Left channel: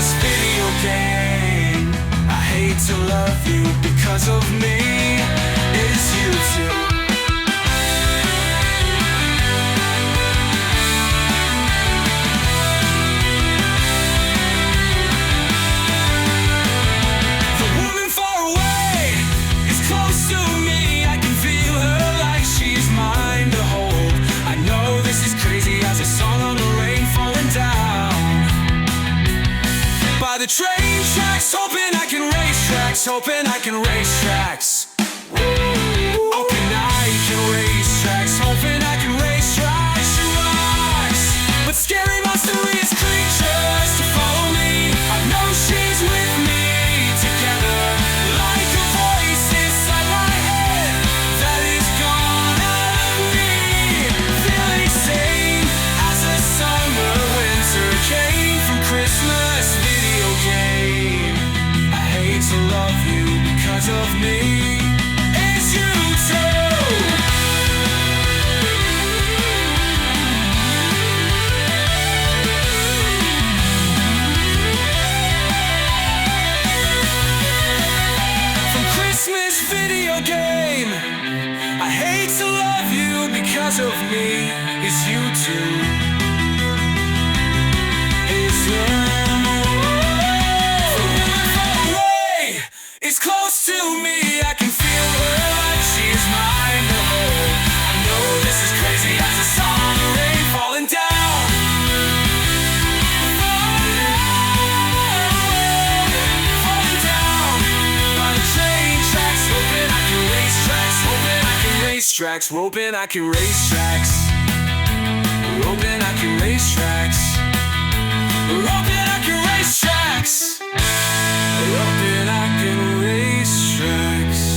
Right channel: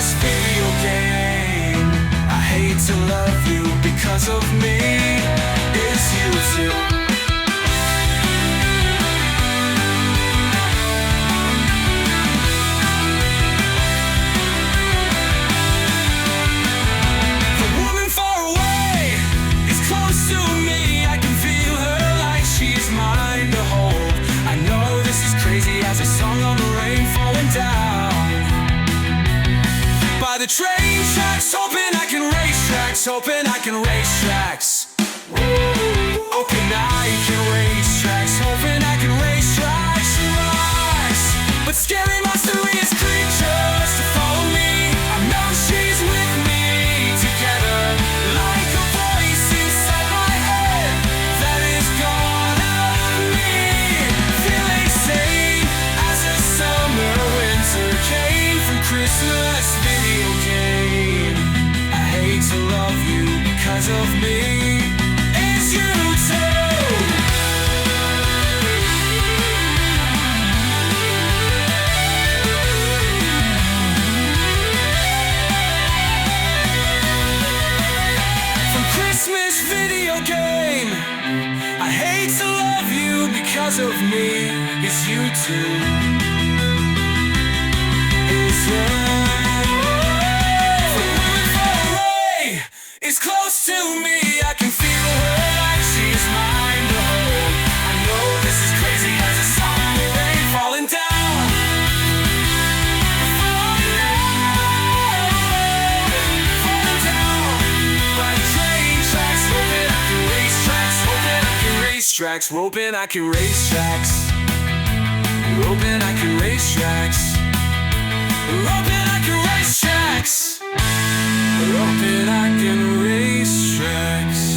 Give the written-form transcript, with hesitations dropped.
Christmas video game. I hate to love you because of me. It's you too. The woman far away is close to me. I can feel her like she's mine to hold. I know this is crazy as a song on the rain falling down by the train tracks, hoping I can race tracks, hoping I can race tracks. Hoping I can race tracks, hoping I can race tracks. She rocks, but scary mysterious creatures to follow me. I know she's with me together, like a voice inside my head that is gone out of me. Feeling sane as a summer winter came from Christmas video game. I hate to love you because of me. It's you too. From Christmas video game. I hate to love you because of me. It's you too. It's is close to me. I can feel her like she's mine to hold. I know this is crazy as a song on the rain falling down. Falling down by the train tracks, hoping I can race tracks, hoping I can race tracks, hoping I can race tracks, hoping I can race tracks, hoping I can race tracks. Hoping I can race tracks.